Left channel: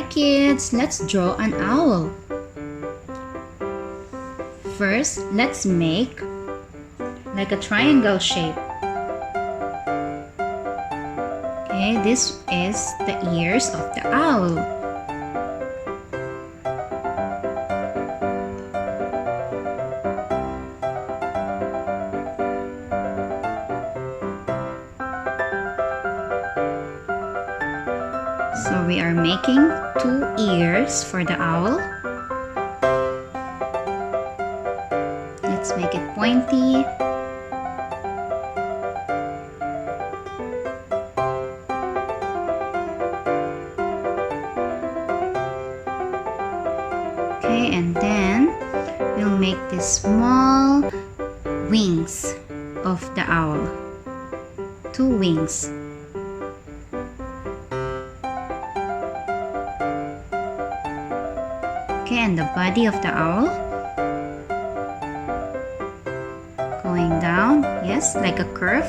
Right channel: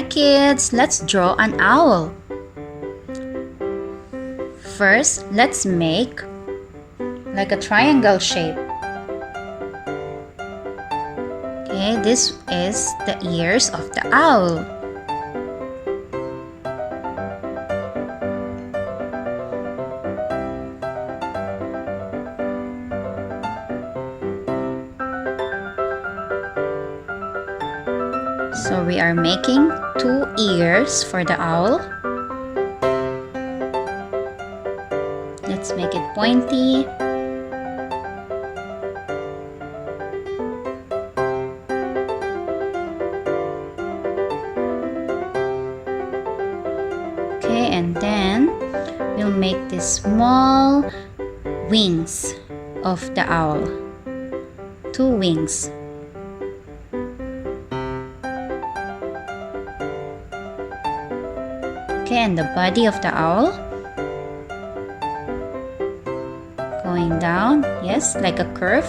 Hi kids, let's draw an owl. First, let's make like a triangle shape. Okay, this is the ears of the owl. So we are making 2 ears for the owl. Let's make it pointy. Okay, and then we'll make these small wings of the owl. 2 wings. Okay, and the body of the owl. Going down, yes, like a curve.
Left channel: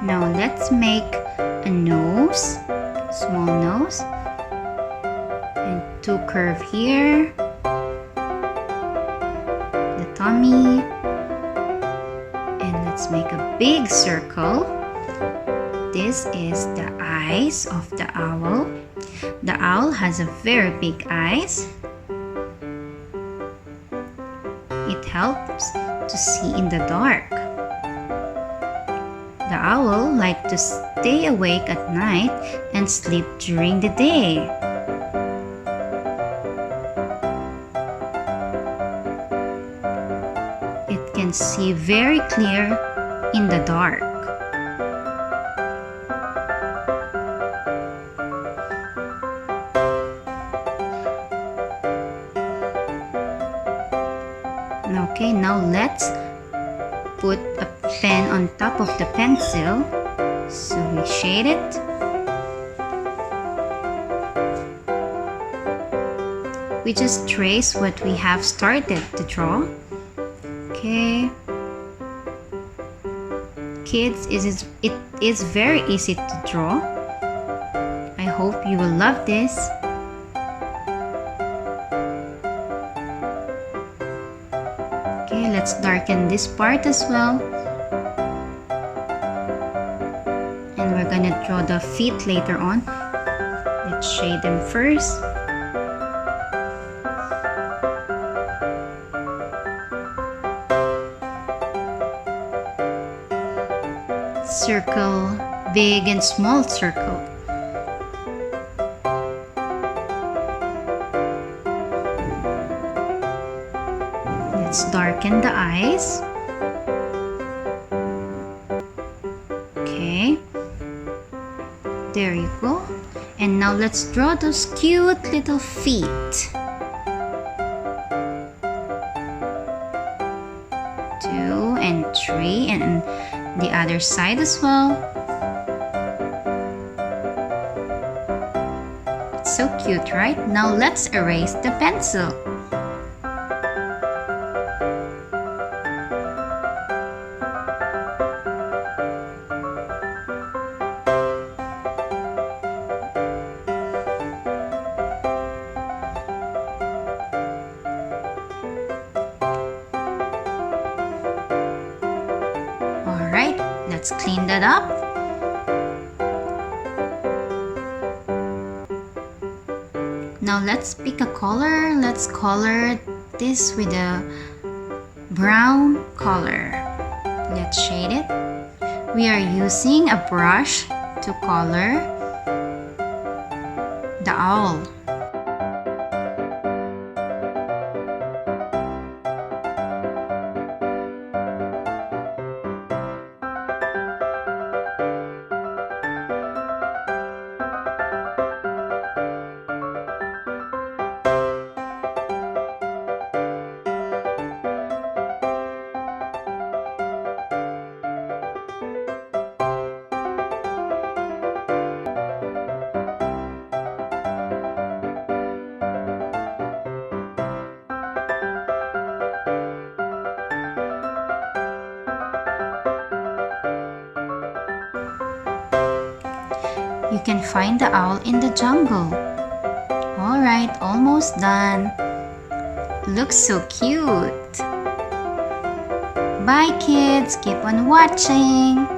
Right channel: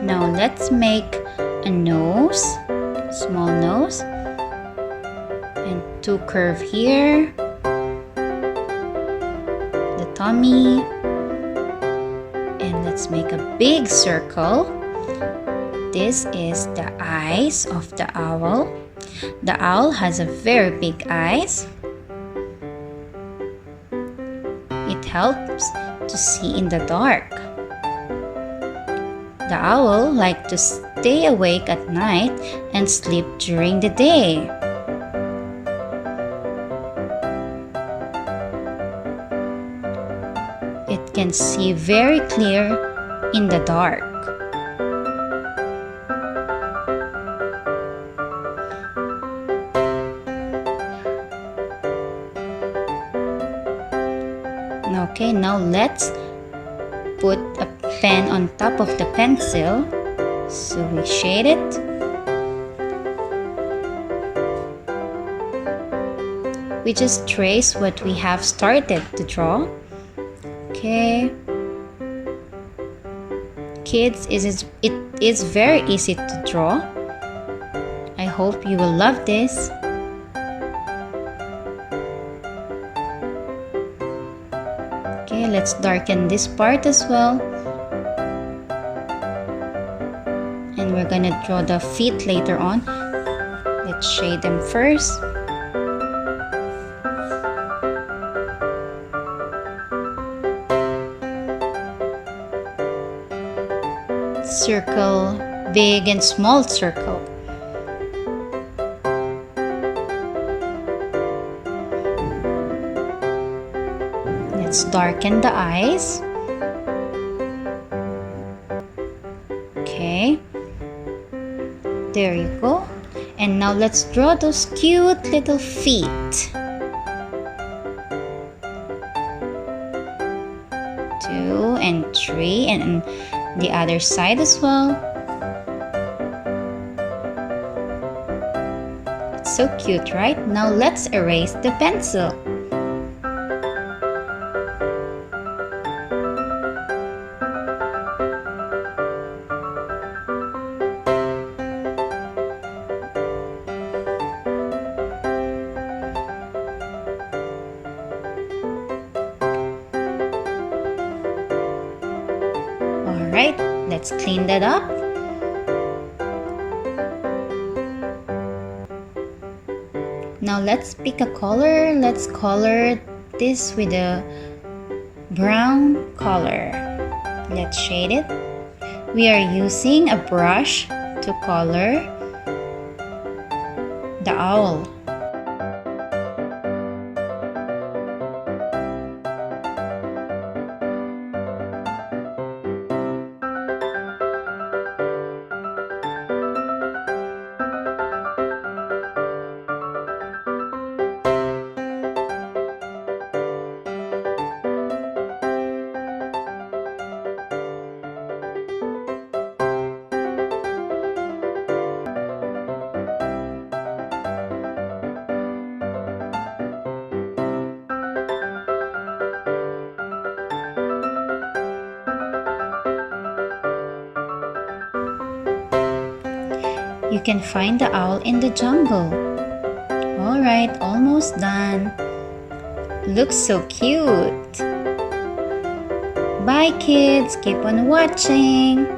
Now let's make a nose, small nose, and 2 curve here, the tummy, and let's make a big circle. This is the eyes of the owl. The owl has a very big eyes. It helps to see in the dark. The owl likes to stay awake at night and sleep during the day. It can see very clear in the dark. Okay, now let's put a pen on top of the pencil. So we shade it. We just trace what we have started to draw. Okay. Kids, it is very easy to draw. I hope you will love this. Okay, let's darken this part as well. And we're gonna draw the feet later on. Let's shade them first. Circle, big and small circle. Let's darken the eyes. Okay, there you go. And now let's draw those cute little feet. 2 and 3, and the other side as well. It's so cute, right? Now let's erase the pencil. Alright, let's clean that up. Now let's pick a color. Let's color this with a brown color. Let's shade it. We are using a brush to color the owl. You can find the owl in the jungle. Alright, almost done. Looks so cute. Bye kids, keep on watching.